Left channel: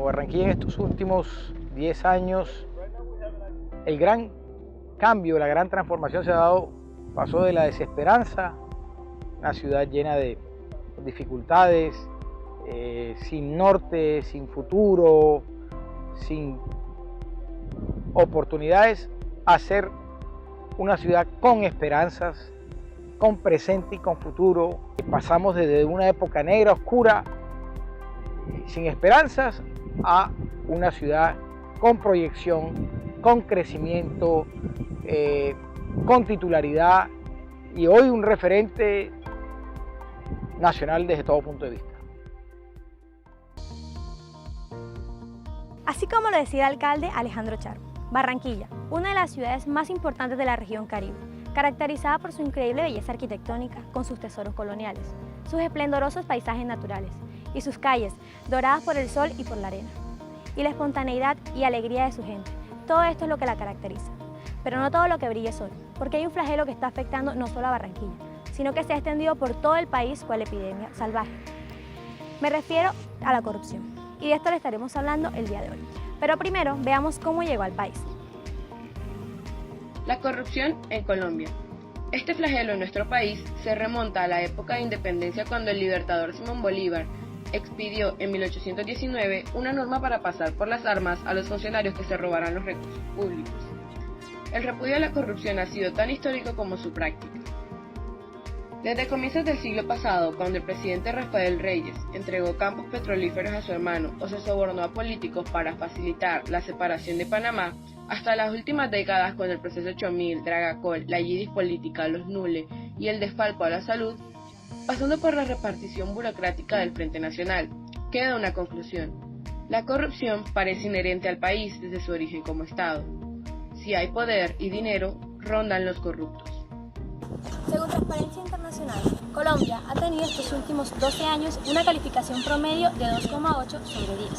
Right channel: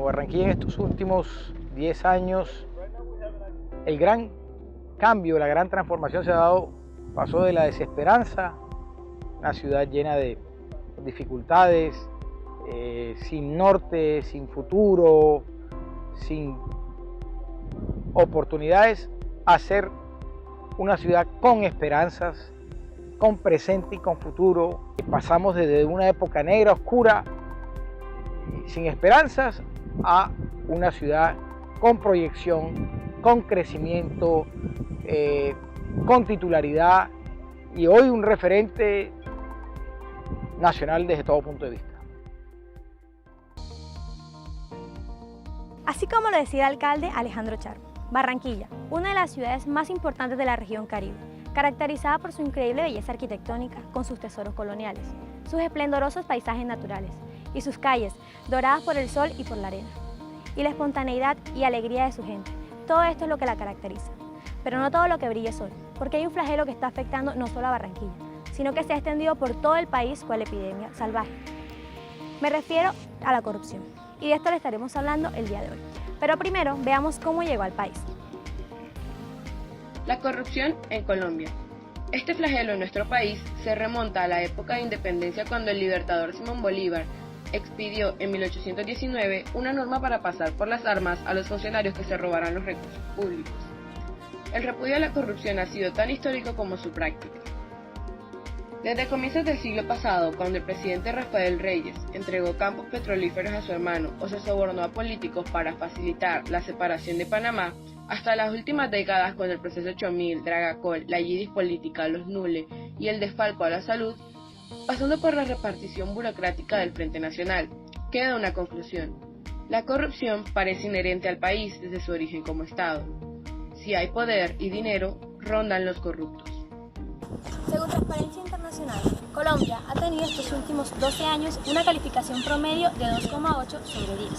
como Barranquilla en estos últimos 10 años, el gran cambio, la gran transformación se ha dado, pasó de la desesperanza, una ciudad llena de dificultades, sin norte, sin futuro, sin oportunidades, a ser una ciudad con esperanzas, con presente y con futuro. Pasamos desde una época negra, oscura, sin esperanzas, a una ciudad con proyección, con crecimiento, con titularidad y hoy un referente nacional desde todo punto de vista. Así como lo decía el alcalde Alejandro Char, Barranquilla, una de las ciudades más importantes de la región Caribe, caracterizada por su increíble belleza arquitectónica con sus tesoros coloniales, sus esplendorosos paisajes naturales y sus calles doradas por el sol y por la arena, y la espontaneidad y alegría de su gente. Todo esto es lo que la caracteriza. Pero no todo lo que brilla es oro, porque hay un flagelo que está afectando no solo a Barranquilla, sino que se ha extendido por todo el país cual epidemia salvaje. Me refiero a la corrupción, y de esto le estaremos hablando el día de hoy. Pero primero veamos cómo llegó al país. La corrupción en Colombia. Este flagelo en nuestro país se remonta a la época de independencia cuando el libertador Simón Bolívar expidió en 1819 una norma para pasar por las armas a los funcionarios que se robaran los recursos públicos. El repudio a la corrupción ha sido tan histórico como su práctica. Desde comienzos del siglo pasado, cuando el presidente Rafael Reyes entregó campos petrolíferos a su hermano o se sobornó a políticos para facilitar la separación de Panamá, hasta las últimas décadas con el proceso Chomil, Dragacol, la Yidis política, los Nule y el desfalco a la salud, pasando por la repartición burocrática del Frente Nacional, queda una conclusión. La corrupción parece inherente al país desde su origen como Estado. Si hay poder y dinero, rondan los corruptos. Según Transparencia Internacional, Colombia ha tenido estos últimos 12 años una calificación promedio de 2,8 sobre 10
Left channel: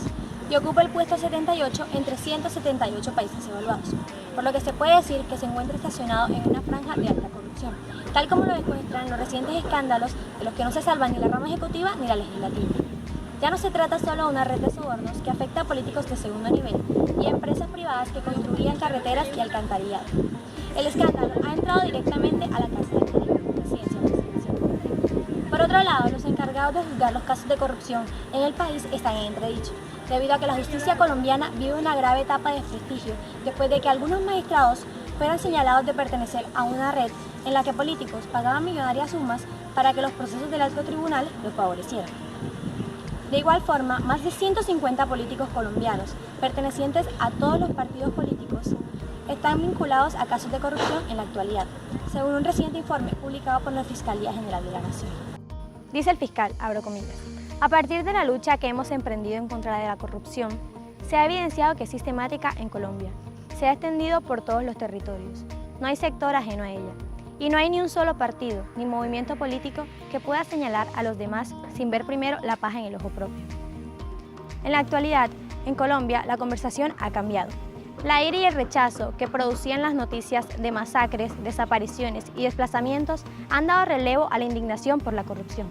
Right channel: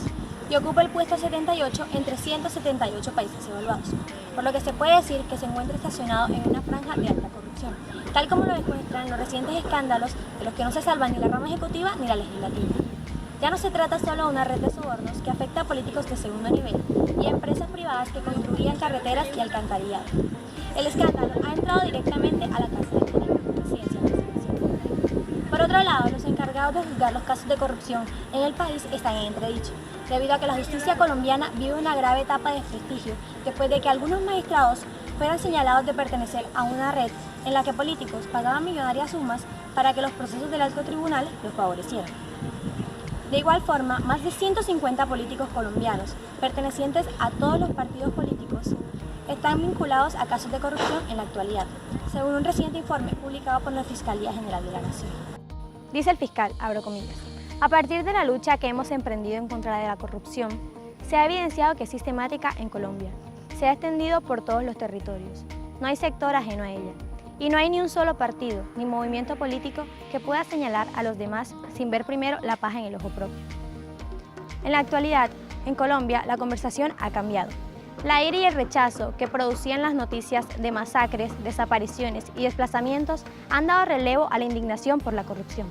y ocupa el puesto 78 entre 178 países evaluados, por lo que se puede decir que se encuentra estacionado en una franja de alta corrupción, tal como lo demuestran los recientes escándalos de los que no se salvan ni la rama ejecutiva ni la legislativa. Ya no se trata solo de una red de sobornos que afecta a políticos de segundo nivel y a empresas privadas que construían carreteras y alcantarillado. El escándalo ha entrado directamente a la Casa de Presidencia. Por otro lado, los encargados de juzgar los casos de corrupción en el país están en entredicho, debido a que la justicia colombiana vive una grave etapa de desprestigio después de que algunos magistrados fueran señalados de pertenecer a una red en la que políticos pagaban millonarias sumas para que los procesos del alto tribunal los favorecieran. De igual forma, más de 150 políticos colombianos, pertenecientes a todos los partidos políticos, están vinculados a casos de corrupción en la actualidad, según un reciente informe publicado por la Fiscalía General de la Nación. Dice el fiscal, abro comillas, a partir de la lucha que hemos emprendido en contra de la corrupción, se ha evidenciado que es sistemática en Colombia, se ha extendido por todos los territorios, no hay sector ajeno a ella, y no hay ni un solo partido ni movimiento político que pueda señalar a los demás sin ver primero la paja en el ojo propio. En la actualidad, en Colombia, la conversación ha cambiado. La ira y el rechazo que producían las noticias de masacres, desapariciones y desplazamientos han dado relevo a la indignación por la corrupción.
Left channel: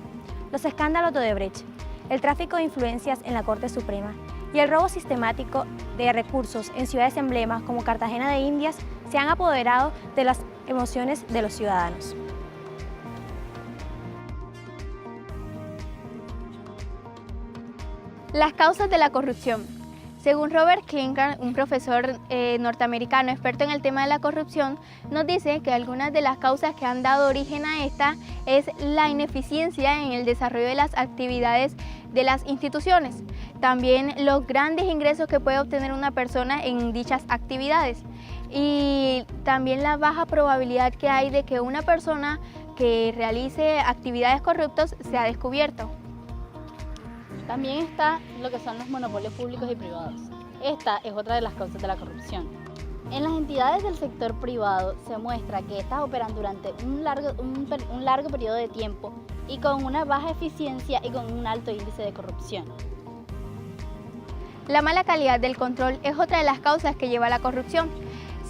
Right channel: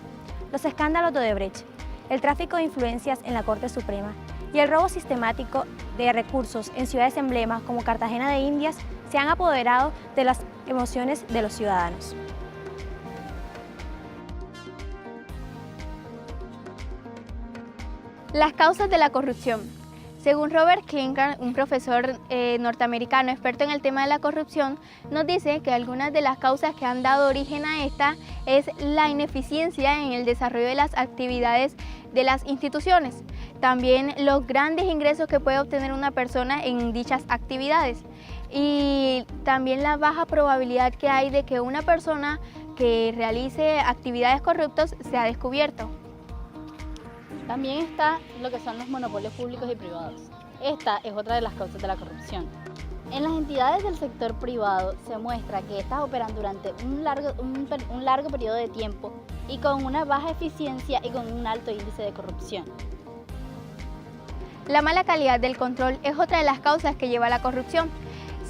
Los escándalos de Odebrecht, el tráfico de influencias en la Corte Suprema y el robo sistemático de recursos en ciudades emblemas como Cartagena de Indias se han apoderado de las emociones de los ciudadanos. Las causas de la corrupción. Según Robert Klinker, un profesor norteamericano experto en el tema de la corrupción, nos dice que algunas de las causas que han dado origen a esta es la ineficiencia en el desarrollo de las actividades de las instituciones, también los grandes ingresos que puede obtener una persona en dichas actividades y también la baja probabilidad que hay de que una persona que realice actividades corruptas sea descubierto. También está lo que son los monopolios públicos y privados. Esta es otra de las causas de la corrupción. En las entidades del sector privado se muestra que estas operan durante un largo periodo de tiempo y con una baja eficiencia y con un alto índice de corrupción. La mala calidad del control es otra de las causas que lleva a la corrupción.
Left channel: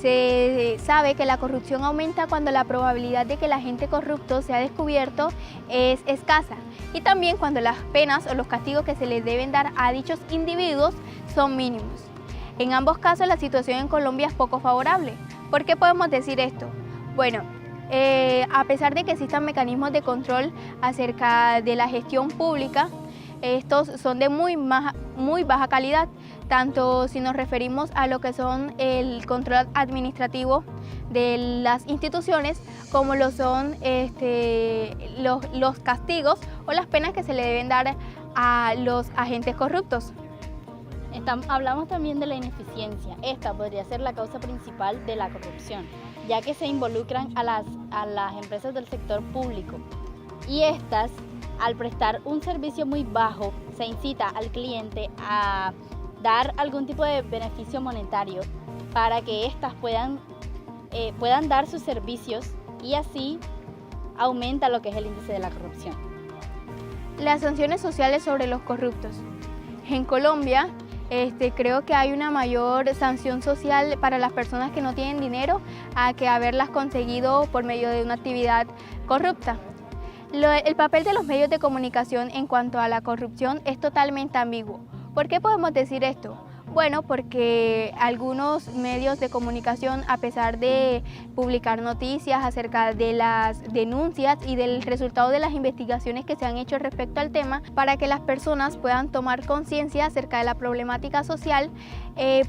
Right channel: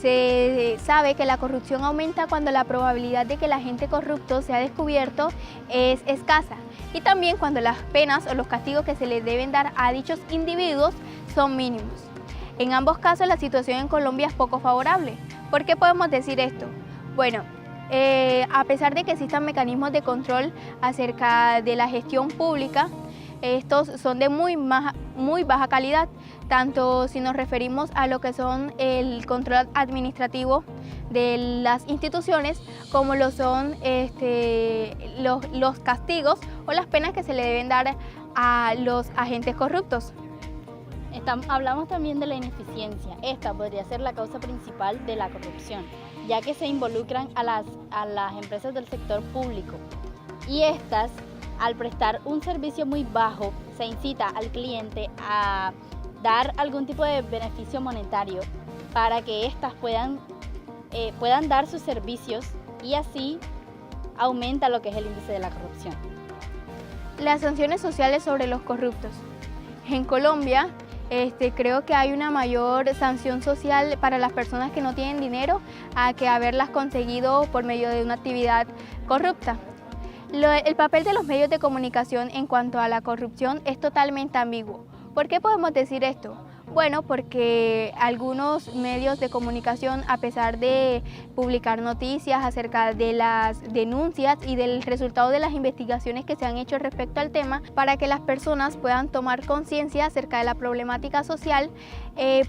Se sabe que la corrupción aumenta cuando la probabilidad de que el agente corrupto sea descubierto es escasa y también cuando las penas o los castigos que se les deben dar a dichos individuos son mínimos. En ambos casos la situación en Colombia es poco favorable. ¿Por qué podemos decir esto? Bueno, a pesar de que existan mecanismos de control acerca de la gestión pública, estos son de muy baja calidad, tanto si nos referimos a lo que son el control administrativo de las instituciones, como lo son los castigos o las penas que se le deben dar a los agentes corruptos. Hablamos también de la ineficiencia. Esta podría ser la causa principal de la corrupción, ya que se involucran a las empresas del sector público y estas, al prestar un servicio muy bajo, se incita al cliente a dar algún tipo de beneficio monetario para que éstas puedan dar sus servicios y así aumenta lo que es el índice de la corrupción. Las sanciones sociales sobre los corruptos. En Colombia, creo que hay una mayor sanción social para las personas que no tienen dinero a que haberlas conseguido por medio de una actividad corrupta. El papel de los medios de comunicación en cuanto a la corrupción es totalmente ambiguo. ¿Por qué podemos decir esto? Bueno, porque algunos medios de comunicación, a pesar de publicar noticias acerca de las denuncias y del resultado de las investigaciones que se han hecho respecto al tema, para que las personas puedan tomar conciencia acerca de la problemática social,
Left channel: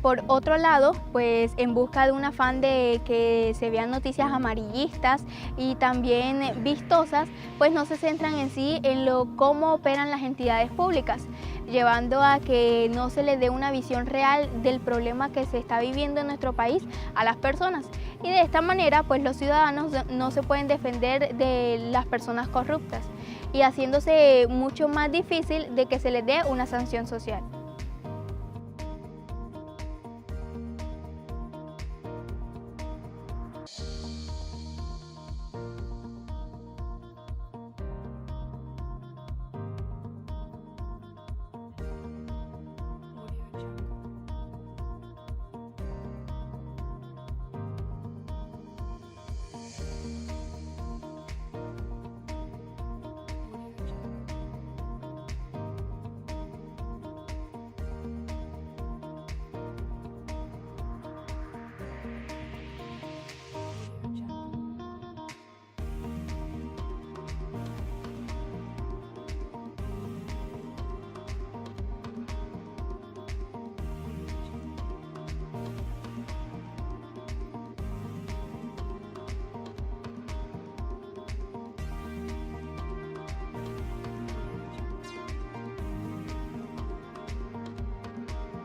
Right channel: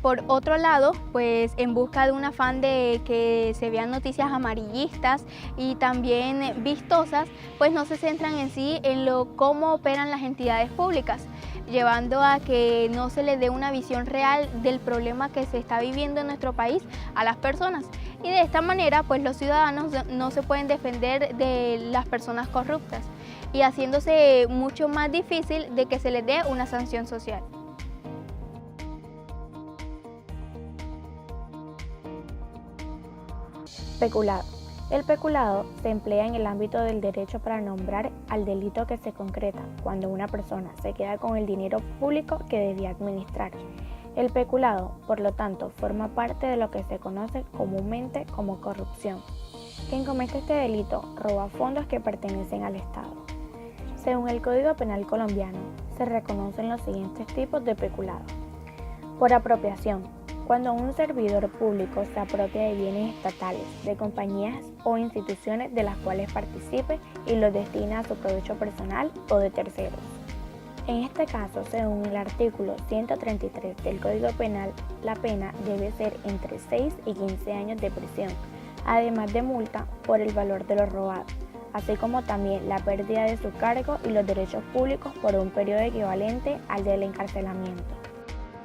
por otro lado, pues en busca de un afán de que se vean noticias amarillistas y también vistosas, pues no se centran en sí en cómo operan las entidades públicas, llevando a que no se les dé una visión real del problema que se está viviendo en nuestro país a las personas. Y de esta manera, pues los ciudadanos no se pueden defender de las personas corruptas y haciéndose mucho más difícil de que se les dé una sanción social. Peculado. El peculado se emplea en el ámbito del derecho para nombrar al delito que se concreta cuando una persona se queda con el dinero público que debía administrar. El peculado, por lo tanto, forma parte de lo que se conoce comúnmente como corrupción. Quien comete este delito roba fondos que pertenecen al Estado. Según el Código Penal colombiano, se reconocen los siguientes tipos de peculado. Por apropiación. Cuando un servidor público se apropia de bienes estatales, de compañías o instituciones de las cuales participe y los destina a su provecho personal o de terceros. En este caso, según el artículo 133 del Código Penal, la pena debe ser entre 6 y 15 años de prisión, además de multa por el valor de lo robado, así como también la pérdida de su cargo y los derechos públicos por un periodo equivalente al del encarcelamiento.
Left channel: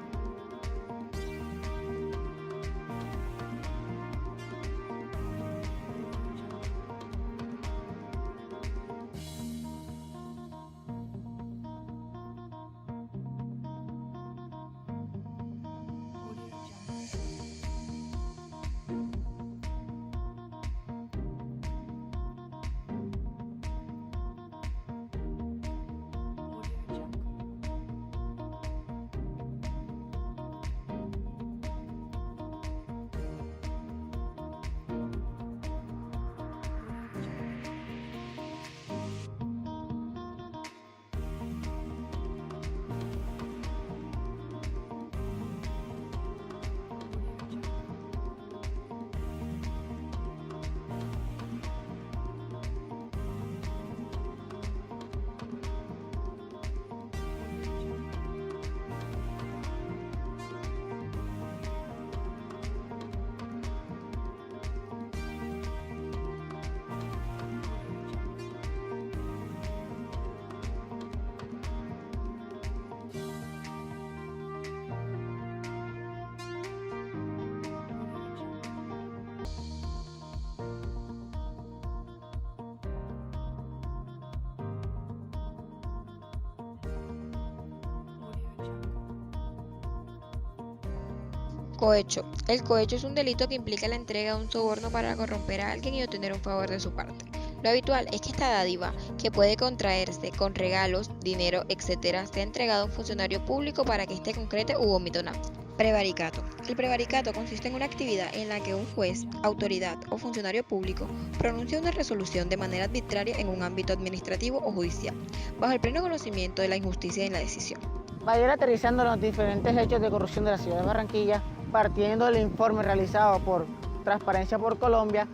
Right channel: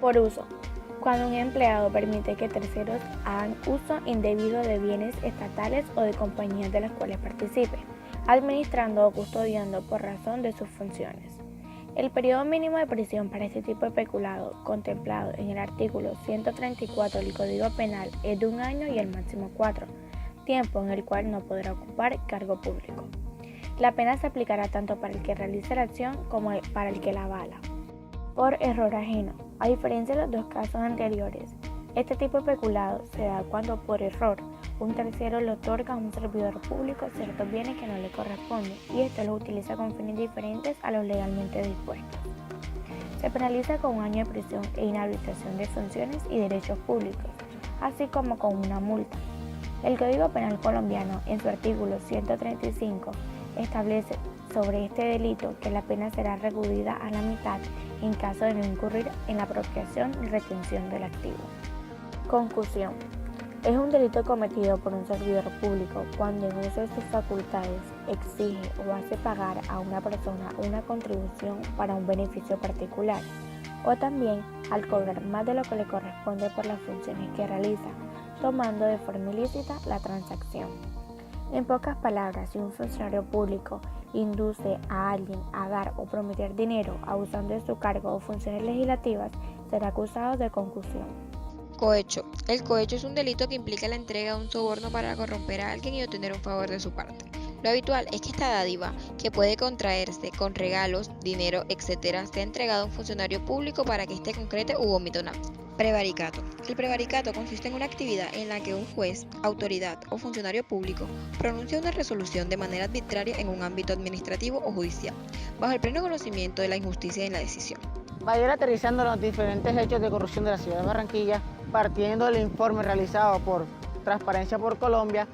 Por uso. Cuando un empleado permite que terceros hagan uso indebido de bienes estatales o de compañías de las cuales participe, administrando o custodiando por razón de sus funciones. El periodo mínimo de prisión para este tipo de peculado, contemplado en el artículo 134 del Código Penal, es de 1 año y el máximo 4, tiempo en el cual no podrá ocupar cargo público. La pena se aplicará tanto para el que realice la acción como para el que la avala. Por error ajeno. A diferencia de los dos casos anteriores, este tipo de peculado se da cuando por error un tercero le otorga a un servidor público ciertos bienes que no le corresponden y éste los utiliza con fines diferentes a los legalmente dispuestos. Se penaliza con 1 año de prisión e inhabilitación de funciones y derechos públicos, así como con una multa. El Código Penal colombiano, en su artículo 135, establece sobre este delito que la pena será reducida a la mitad en caso de no incurrir en la apropiación y retención del activo. Concusión. Es un delito cometido por un servidor público cuando en uso de sus facultades exige o hace pagar a una persona una contribución para un beneficio particular, o también al cobrar más de lo que le corresponde por las funciones que realiza, tomando de forma ilícita la transacción. En pocas palabras, si un funcionario público induce a alguien a dar o prometer dinero abusando de su cargo o funciones legislativas, será acusado de concusión. Cohecho. El cohecho es un delito que implica la entrega de un soborno para corromper a alguien y obtener un favor de su parte. Lo habitual es que esta dádiva, que puede contraerse con regalos, dinero, etc., sea entregada a un funcionario público para que éste concrete u omita un acto. Prevaricato. El prevaricato consiste en una actividad en la que un juez, autoridad o funcionario público pronuncia una resolución de manera arbitraria en un ámbito administrativo o judicial, bajo el pleno conocimiento de la injusticia en la decisión. Para ir aterrizando los diferentes hechos de corrupción de la ciudad de Barranquilla, partiendo del informe realizado por Transparencia por Colombia,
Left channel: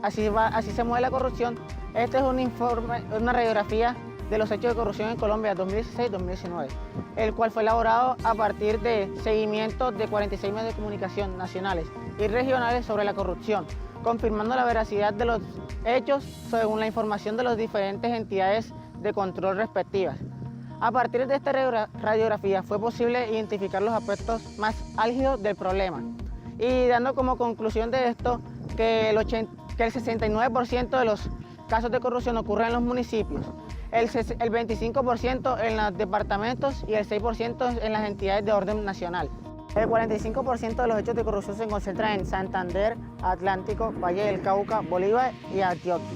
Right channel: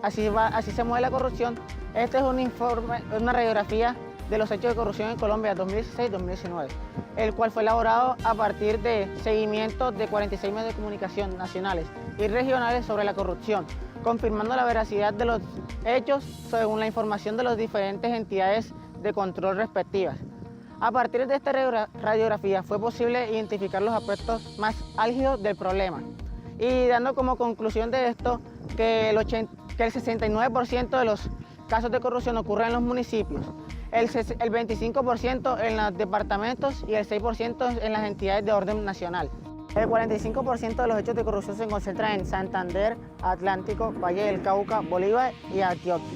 así se mueve la corrupción. Este es un informe, una radiografía de los hechos de corrupción en Colombia 2016-2019, el cual fue elaborado a partir de seguimientos de 46 medios de comunicación nacionales y regionales sobre la corrupción, confirmando la veracidad de los hechos según la información de las diferentes entidades de control respectivas. A partir de esta radiografía fue posible identificar los aspectos más álgidos del problema y dando como conclusión de esto que el 69% de los casos de corrupción ocurren en los municipios, el 25% en los departamentos y el 6% en las entidades de orden nacional. El 45% de los hechos de corrupción se concentran en Santander, Atlántico, Valle del Cauca, Bolívar y Antioquia.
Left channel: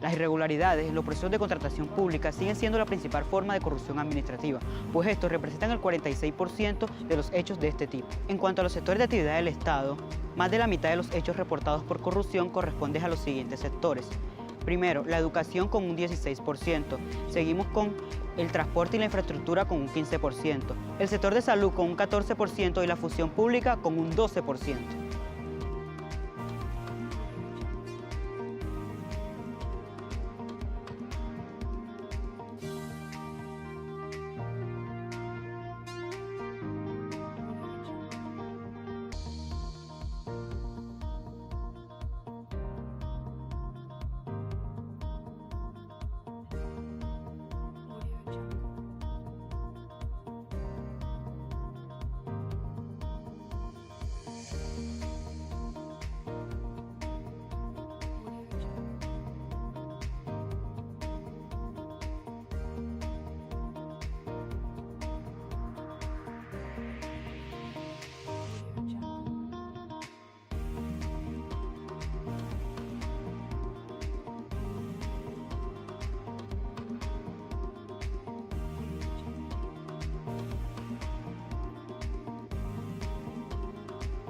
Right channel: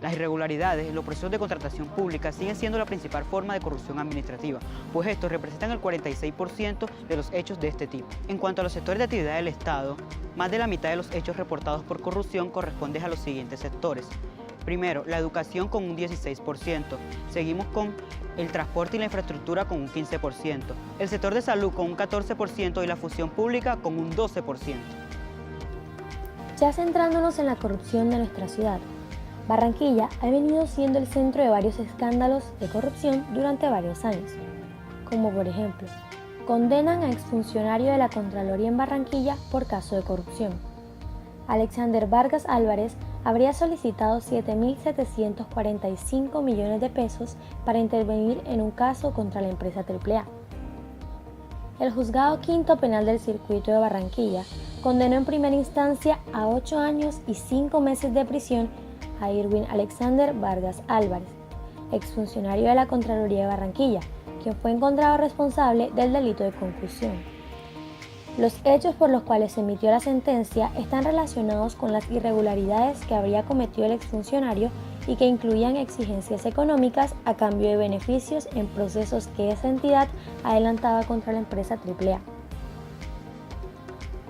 Las irregularidades en los procesos de contratación pública siguen siendo la principal forma de corrupción administrativa, pues estos representan el 46% de los hechos de este tipo. En cuanto a los sectores de actividad del Estado, más de la mitad de los hechos reportados por corrupción corresponden a los siguientes sectores. Primero, la educación con un 16%, seguimos con el transporte y la infraestructura con un 15%, el sector de salud con un 14% y la función pública con un 12%. Ya centrándonos en la corrupción de nuestra ciudad, Barranquilla ha venido siendo el centro de varios escándalos de corrupción durante varios años, como por ejemplo, condenan a exfuncionario de la Contraloría en Barranquilla por caso de corrupción. Alexander Vargas Álvarez habría solicitado 7.745 millones de pesos para intervenir en un caso contra la empresa AAA. El Juzgado Quinto Penal del Circuito de Barranquilla condenó en primera instancia a 8 años y 5 meses de prisión a Irwin Alexander Vargas Álvarez, exfuncionario de la Contraloría de Barranquilla, quien fue encontrado responsable del delito de concusión. Los hechos por los cuales se emitió la sentencia están relacionados con las irregularidades que habría cometido el exfuncionario y que incluían exigencias económicas a cambio de beneficios en procesos que esa entidad adelantaba contra la empresa AAA.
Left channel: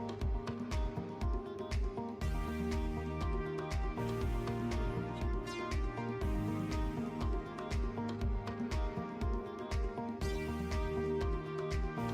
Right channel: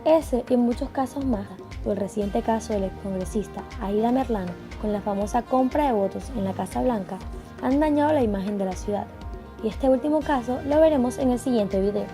Ese y muchos casos más, o el reciente caso del excongresista Aida Merlano con la famosa compra de votos en la Casa Blanca, han dañado la imagen de la ciudad. Y este último caso lo veremos en el siguiente video.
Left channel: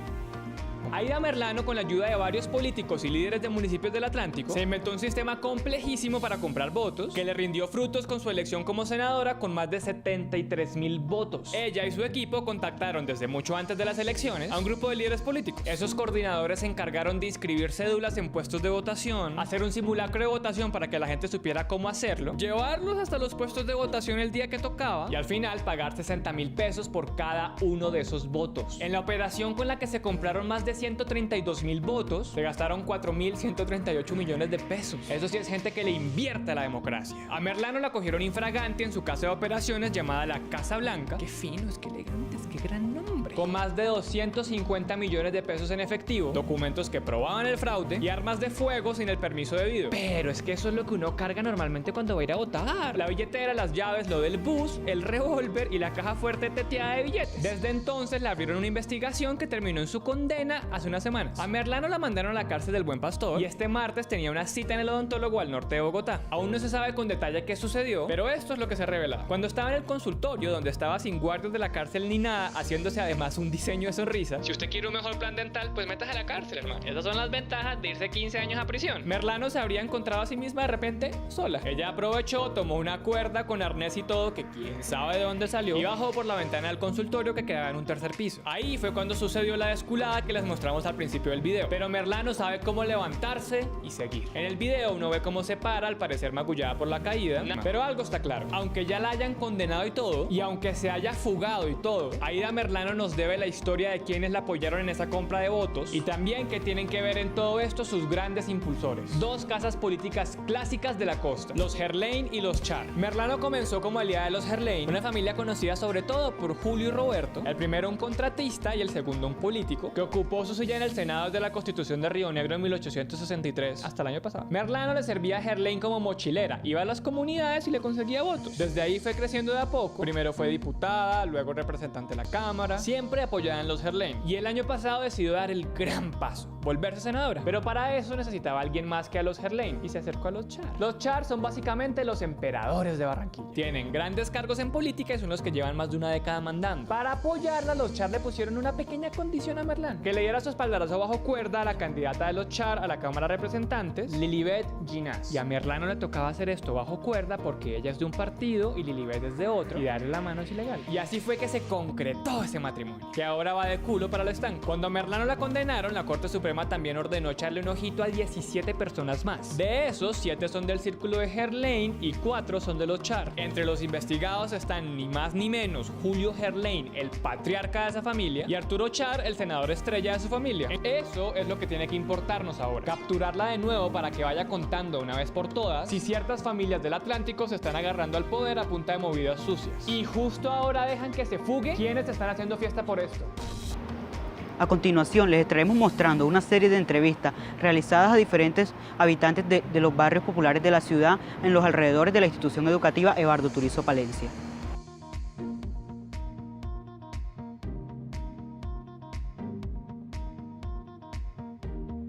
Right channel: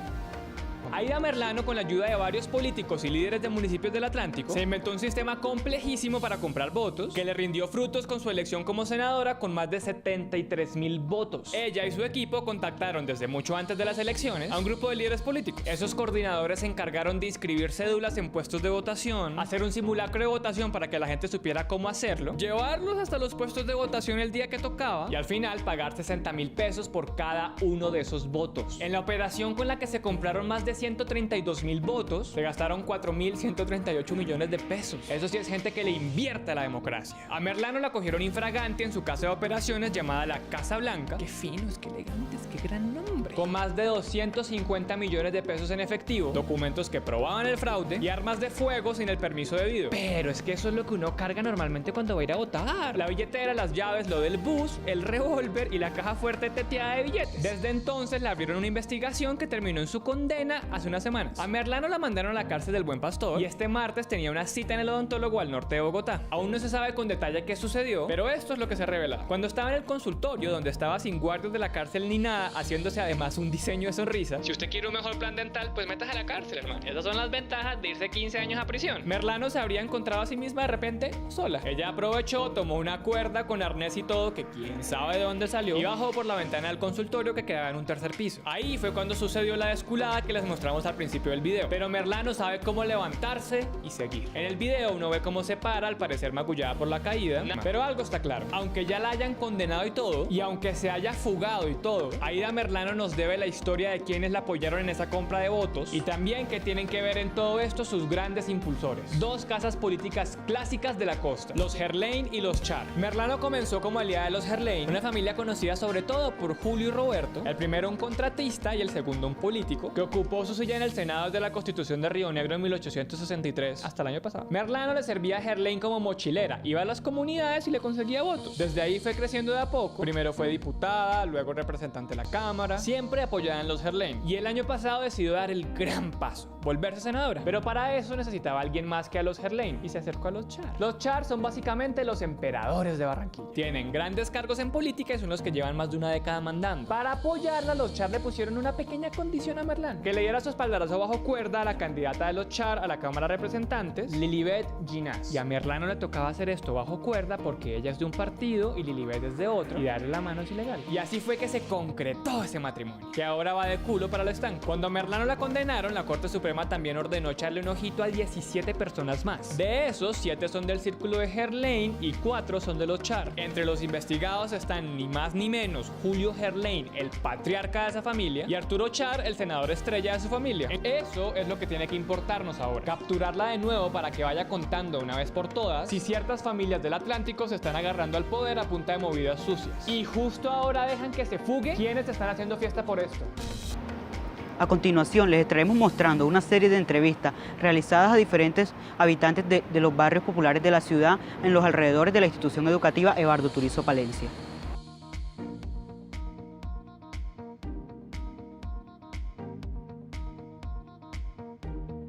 Aida Merlano, con la ayuda de varios políticos y líderes de municipios del Atlántico, se inventó un sistema complejísimo para comprar votos que le rindió frutos con su elección como senadora con más de 73,000 votos. Ella y su equipo contactaron desde mucho antes de las elecciones a un grupo de líderes políticos. Esos coordinadores se encargaron de inscribir cédulas en puestos de votación, hacer un simulacro de votación para que la gente supiera cómo hacerlo, llevarlos hasta los puestos de votación el día que tocaba y al final pagar 60,000 pesos por cada uno de esos votos. En la operación con la que se compraron más de 132,000 votos, se gastaron 4.138 millones de pesos. Eso sí es gente que le invierte a la democracia. A Merlano la cogieron infragante en su casa de operaciones llamada la Casa Blanca. Qué finos, qué elegantes, qué gran nombre. Con más de 250 millones de pesos en efectivo, documentos que probaban el fraude y armas de fuego sin el permiso debido. Pero es que eso es lo que uno carga normalmente cuando va a ir a votar: la billetera, las llaves, lo del bus, el revólver y la caja fuerte teteada de billetes. Desde entonces le abrieron una investigación que terminó en su condena hace unas semanas. A Merlano la mandaron a la cárcel del Buen Pastor y este martes tenía una cita en el odontólogo al norte de Bogotá. Aún no se sabe con detalle qué sucedió, pero esto es lo que se revela. Cuando estaba en el consultorio, donde estaba sin guardias de la cárcel ni nada, haciéndose además un diseño de sonrisa: si usted quiere un mejor plan dental, pues métase a la cárcel, hermano. Esas son las ventajas de irse 15 años a prisión. Merlano se habría encontrado a sí misma de repente sola. Ella aprovechó, tomó una cuerda con arnés y todo, que quién sabe de dónde salió, y bajó por la ventana del consultorio que quedaba en un tercer piso. Ahí fue cuando sucedió la desculada que les mostramos al principio del video. Pero Merlano sabe cómo levantarse y seguir. En el video uno ve cómo se para, al parecer magullada por la caída. Pero algo está claro: aunque ya la hayan condenado y todo, y aunque se haya fugado y todo, Aida Merlano nos debe la historia de quienes la apoyaron en esa compra de votos y también que tienen que ver en todo esto sus grandes impulsores. Dos casas políticas clásicas de la costa: los Gerlain y los Char. Merlano comenzó como aliada de los Gerlain, una familia conocida sobre todo por Julio y Roberto, el primero un contratista y el segundo un político, que ocupó ocupó su silla en el Senado desde la Constitución de Río Negro en 1863 hasta el año pasado. Merlano le servía a Gerlain como mochilera, iba a las comunidades y le conseguía votos. Desde ahí fue creciendo de a poco. Primero fue diputada, luego representante de la Cámara, siempre apoyada en los Gerlain. Y el año pasado decidió dar el gran paso, volverse senadora. Pero para eso necesitaba a alguien más que a los Gerlain y se acercó a los Char. Los Char son básicamente los emperadores de Barranquilla. Tienen grandes cargos en política y son los que llevan más de una década mandando. Para apoyarla, los Char le pusieron una pequeña condición a Merlano: que le diera su espaldarazo bajo cuerda a la candidata de los Char a la Cámara de Representantes, Lilibet Ginás. Y a Merlano le tocaba hacer esto bajo cuerda porque ella es de un partido y Lilibet es de otro, y darle la mano es ilegal. Y así fue que se concretó ese matrimonio, que ahora va de culo para el estanco. Cuando a Merlano la condenaron, la Corte Suprema también ordenó echarle un ojito a 17 personas más. De esos, 7 son del círculo de Gerlain y 4 son de los Char. Entre los investigados están ni más ni menos Julio Gerlain, el patriarca de esa familia, y Arturo Char, el senador estrella de su familia. Eso es lo que tiene que importarnos ahora: capturarla de nuevo para que vaya contando una vez por todas si ciertas familias del Atlántico se están agarrando al poder a punta de movidas sucias. Y justo ahora dejan que se fugue quienes están haciendo fiesta por esto. A continuación les estaremos mostrando una serie de entrevistas realizadas a diferentes habitantes de los barrios populares de la ciudad en los alrededores de la institución educativa Eduardo Turizo Palencia.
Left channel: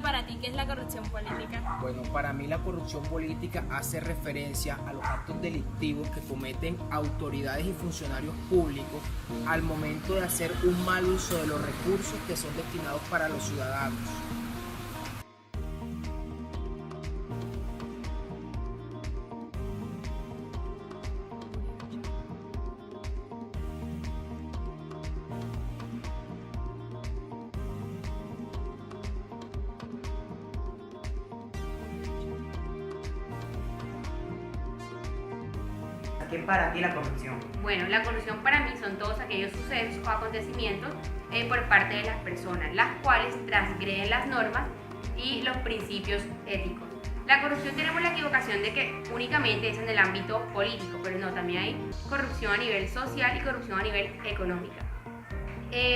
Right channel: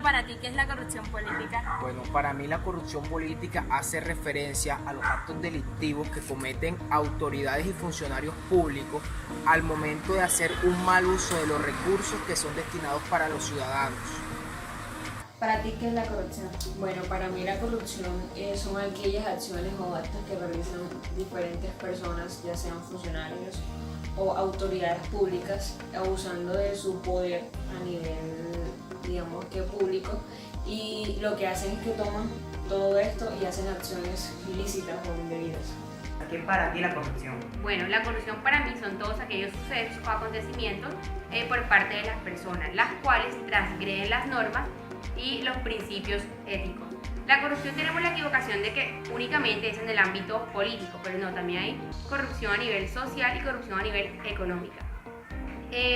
Para ti, ¿qué es la corrupción política? Bueno, para mí la corrupción política hace referencia a los actos delictivos que cometen autoridades y funcionarios públicos al momento de hacer un mal uso de los recursos que son destinados para los ciudadanos. Para ti, ¿qué es la corrupción? Bueno, para mí la corrupción son aquellas acciones o actos que realizan diferentes personas, ya sean funcionarios o autoridades públicas, abusando de su poder a nivel, digamos que público, y lo que hacen es que toman todo esto y hacen acciones ilícitas o indebidas. ¿Qué es para ti la corrupción? Bueno, la corrupción para mí son todos aquellos sucesos o acontecimientos por parte de las personas, las cuales transgreden las normas y los principios éticos. La corrupción, tenemos la equivocación de que únicamente es en el ámbito político, pero no, también hay corrupción a nivel social y corrupción a nivel económica.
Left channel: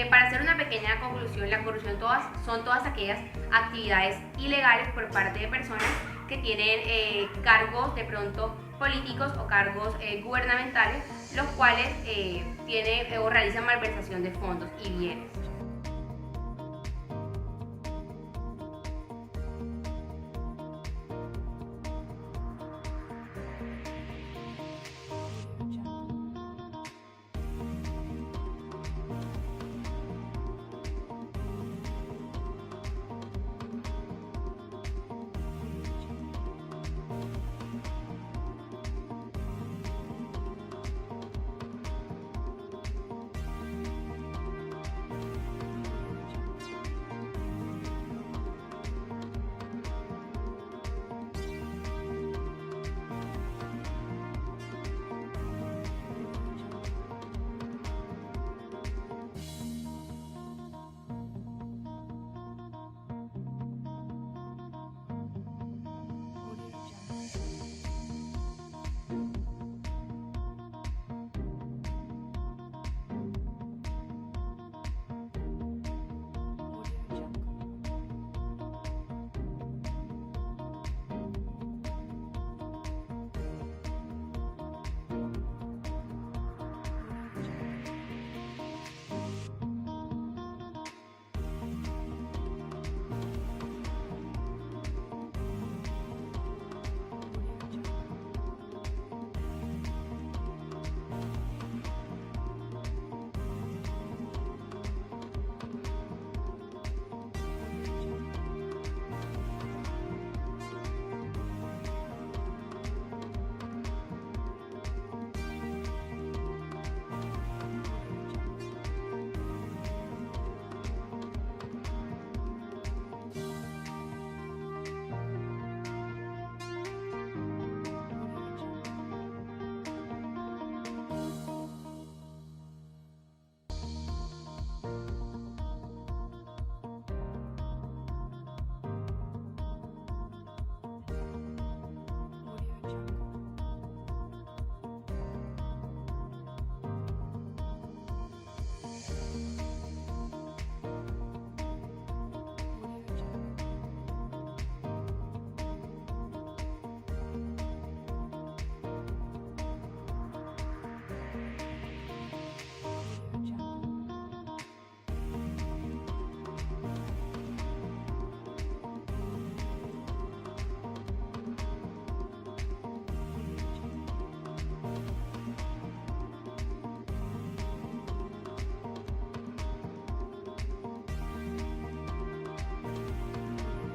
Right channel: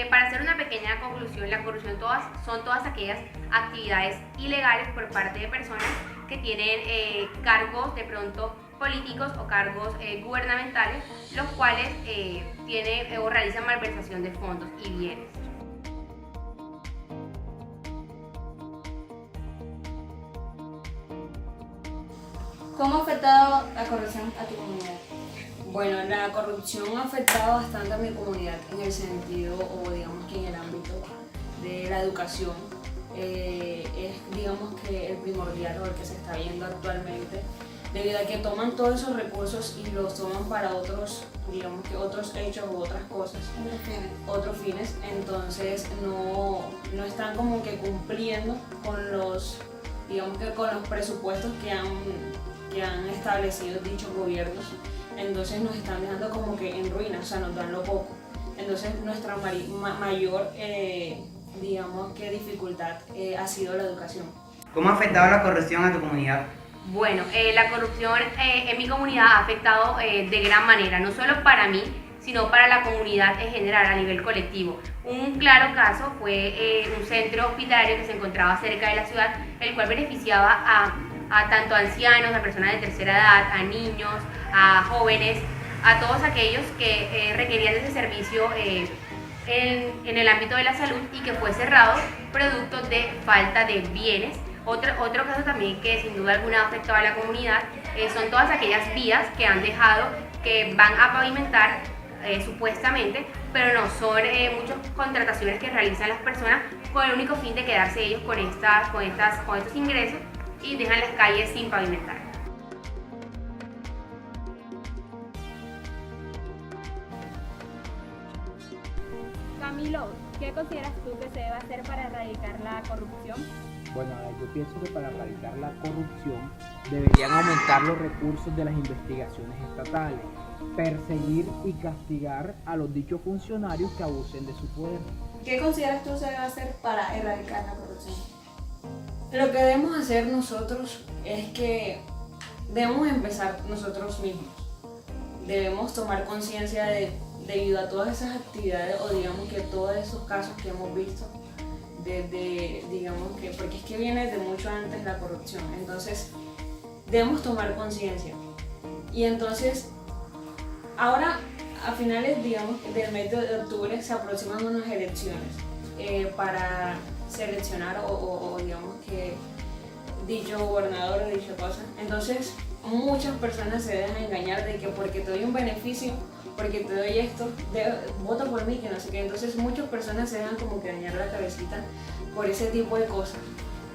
Para hacer una pequeña conclusión, la corrupción son todas aquellas actividades ilegales por parte de personas que tienen cargos de pronto políticos o cargos gubernamentales, los cuales tienen o realizan malversación de fondos y bienes. ¿Cómo ha afectado la corrupción a tu comunidad? Bueno, la corrupción ha afectado bastante a mi comunidad en el sentido, o digamos que en el ámbito de la educación. Es, digamos que el primordial o el que se está viendo actualmente, debido a que toman todos esos recursos y los toman para otros, digamos que otros hechos u otras cosas, otros fines, entonces no están como que cumpliendo con los, digamos que con los presupuestos que han establecido dichos gobiernos. Entonces nos están dejando como que en ruinas, o sea, nos dan lo poco. Entonces nuestra mayor, digamos que dificultad ha sido la educación. ¿Cómo ha afectado la corrupción a tu comunidad? Bueno, la corrupción en mi comunidad ha afectado de gran manera, no solo para mí, sino para la comunidad en general, a nivel colectivo. Un claro caso fue un centro hospitalario que se encontraba cerca de la ciudad, el cual beneficiaba a tanto ancianos, a personas de tercera edad, a niños, a jóvenes, a todos aquellos que requerían de ese servicio en el ámbito de la salud, y que fue cerrado producto de falta de bienes. Otro caso también que sin duda alguna ha afectado a la comunidad son todas aquellas vías que han dejado, que van a pavimentar supuestamente, pero no, son muchas contrataciones que realizan las personas con el único fin de quedarse ellos con estos ingresos, y dejan las calles sin pavimentar. Camilo, ¿qué consideras tú que se debe hacer para erradicar la corrupción? Bueno, yo pienso que para erradicar la corrupción deberían aumentar los recursos de las investigaciones estatales, perseguir y castigar a los dichos funcionarios que abusen de su poder. ¿Qué consideras tú se debe hacer para erradicar la corrupción? Lo que debemos hacer nosotros es que debemos empezar nosotros mismos. Debemos tomar conciencia debido a todas esas actividades, o digamos que todos esos casos que hemos visto, digamos que, porque es que viene de mucho antes la corrupción, entonces debemos tomar conciencia. Y entonces, ahora a finales, digamos, del mes de octubre se aproximan unas elecciones para seleccionar o digamos que dicho gobernador o dicha cosa. Entonces, muchas personas se dejan engañar de que porque te doy un beneficio, porque te doy esto, vota por mí, que no sé qué. Entonces muchas personas se dejan como que dañar la cabecita por ese tipo de cosas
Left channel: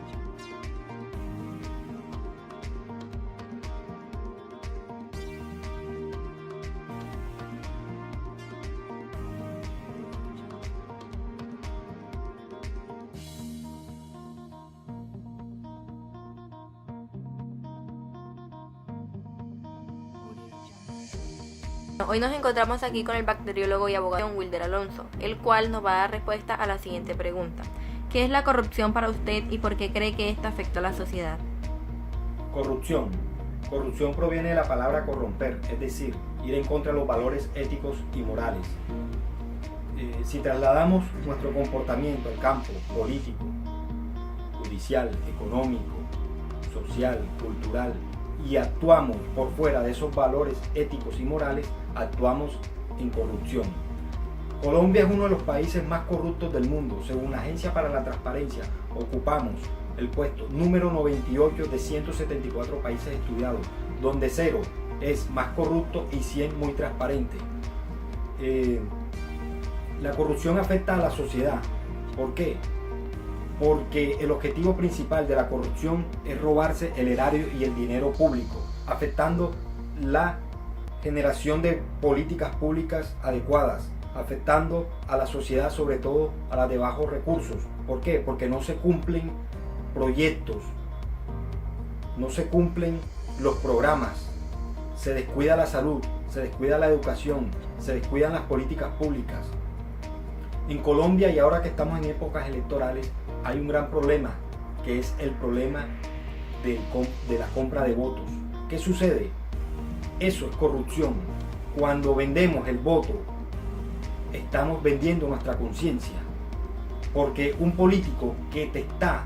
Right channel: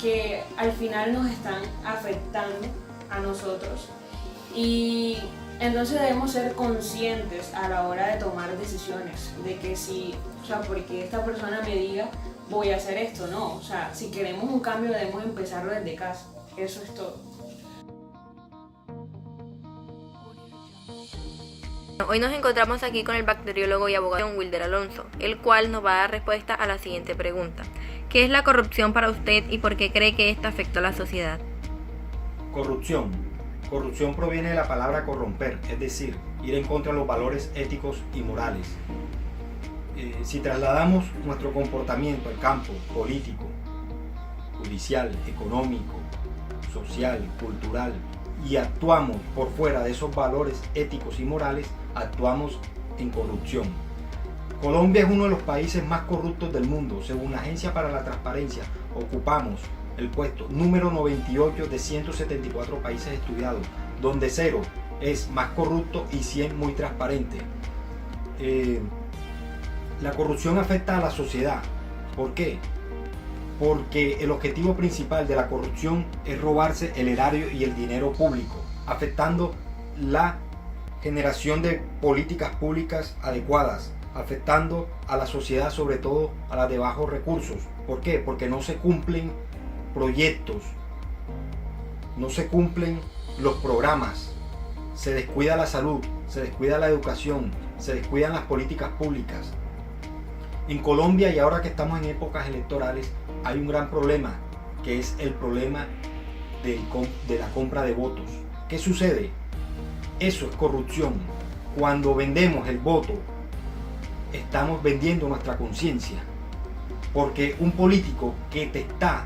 que al final nos están afectando a nosotros. Y entonces debemos ser conscientes a la hora de tomar decisiones, de que si, o sea, porque esta persona me diga voy a hacer esto, no, o sea, si queremos un cambio debemos empezarlo desde casa, eso es todo. Hoy nos encontramos aquí con el bacteriólogo y abogado Wilder Alonso, el cual nos va a dar respuesta a la siguiente pregunta. ¿Qué es la corrupción para usted y por qué cree que esta afecta a la sociedad? Corrupción. Corrupción proviene de la palabra corromper, es decir, ir en contra de los valores éticos y morales. Si trasladamos nuestro comportamiento al campo político, judicial, económico, social, cultural, y actuamos por fuera de esos valores éticos y morales, actuamos en corrupción. Colombia es uno de los países más corruptos del mundo. Según la Agencia para la Transparencia, ocupamos el puesto número 98 de 174 países estudiados, donde 0 es más corrupto y 100 muy transparente. La corrupción afecta a la sociedad. ¿Por qué? Porque el objetivo principal de la corrupción es robarse el erario y el dinero público, afectando la generación de políticas públicas adecuadas, afectando a la sociedad, sobre todo a la de bajos recursos. ¿Por qué? Porque no se cumplen proyectos, no se cumplen los programas, se descuida la salud, se descuida la educación, se descuidan las políticas públicas. En Colombia, y ahora que estamos en épocas electorales, hay un gran problema, que es el problema de la compra de votos. ¿Qué sucede? Eso es corrupción. Cuando vendemos el voto, estamos vendiendo nuestra conciencia. Porque un político que te está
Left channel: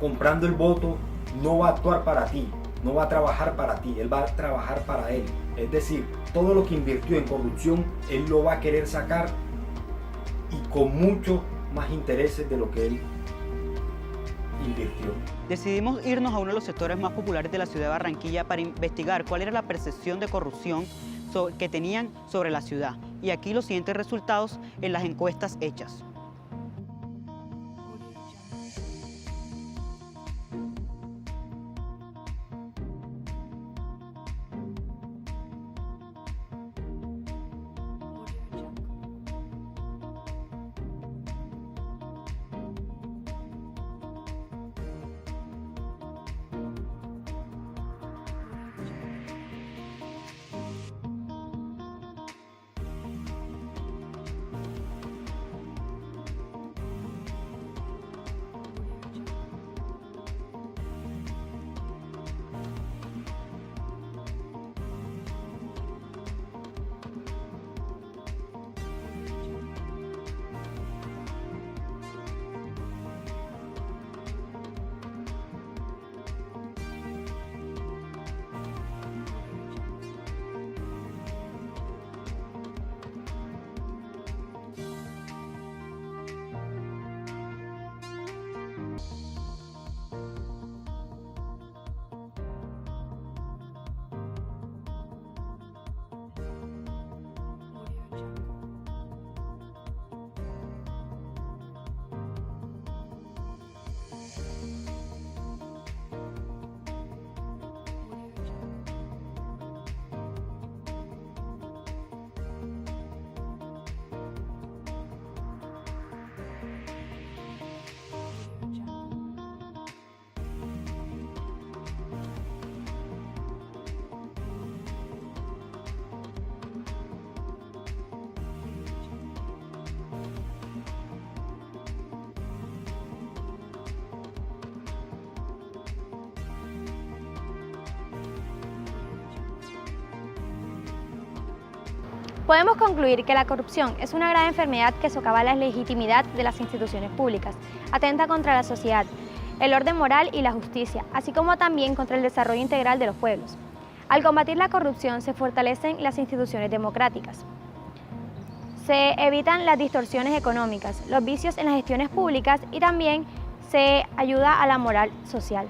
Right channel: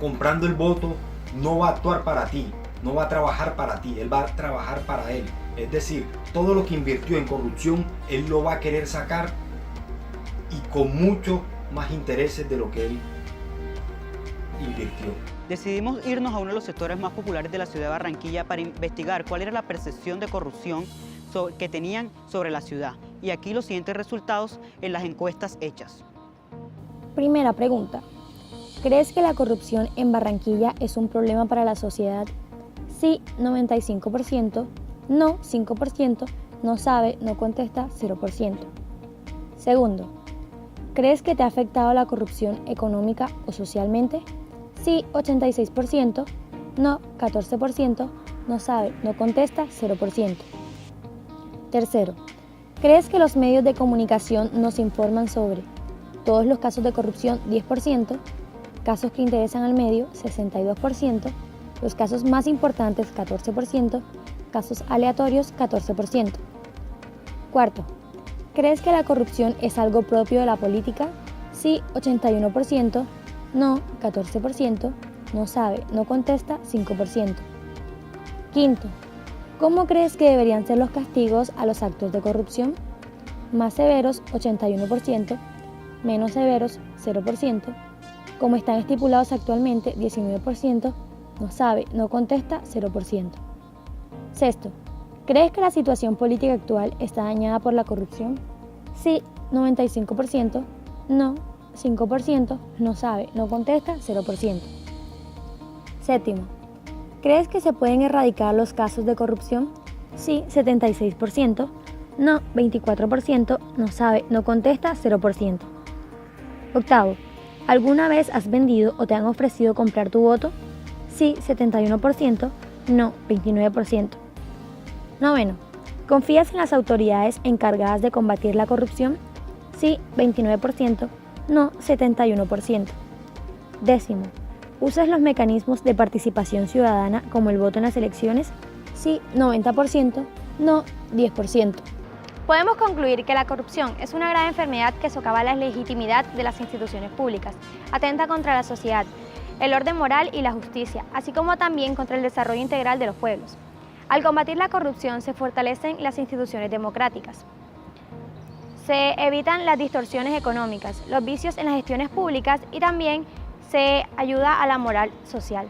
comprando el voto no va a actuar para ti, no va a trabajar para ti, él va a trabajar para él. Es decir, todo lo que invirtió en corrupción, él lo va a querer sacar y con mucho más intereses de lo que él invirtió. Decidimos irnos a uno de los sectores más populares de la ciudad de Barranquilla para investigar cuál era la percepción de corrupción que tenían sobre la ciudad. Y aquí los siguientes resultados en las encuestas hechas. Primera pregunta. ¿Crees que la corrupción en Barranquilla es un problema para la sociedad? Sí, 95%, no, 5%, no sabe, no contesta, 0%. Segundo. ¿Crees que te ha afectado la corrupción económica o socialmente? Sí, 86%, no, 14%, no sabe, no contesta, 0%. Tercero, ¿crees que los medios de comunicación nos informan sobre todos los casos de corrupción? 10%, casos que interesan al medio, 62%, los casos más importantes, 14%, casos aleatorios, 14%. Cuarto, ¿crees que la corrupción es algo propio de la política? Sí, 81%, no, 14%, no sabe, no contesta, 5%. Quinto, ¿cómo crees que deberían ser los castigos a los actos de corrupción? Más severos, 81%, menos severos, 0%, como están estipulados actualmente, 19%, no sabe, no contesta, 0%. Sexto, ¿crees que la situación política actual está dañada por la corrupción? Sí, 95%, no, 5%, no sabe, no contesta, 0%. Séptimo, ¿crees que se pueden erradicar los casos de corrupción? Sí, 76%, no, 24%, no sabe, no contesta, 0%. Octavo, ¿alguna vez has vendido o te han ofrecido comprar tu voto? Sí, 71%, no, 29%. Noveno, ¿confías en las autoridades encargadas de combatir la corrupción? Sí, 29%, no, 71%. Décimo, ¿usas los mecanismos de participación ciudadana como el voto en las elecciones? Sí, 90%, no, 10%. Podemos concluir que la corrupción es una grave enfermedad que socava la legitimidad de las instituciones públicas, atenta contra la sociedad, el orden moral y la justicia, así como también contra el desarrollo integral de los pueblos. Al combatir la corrupción se fortalecen las instituciones democráticas. Se evitan las distorsiones económicas, los vicios en las gestiones públicas y también se ayuda a la moral social.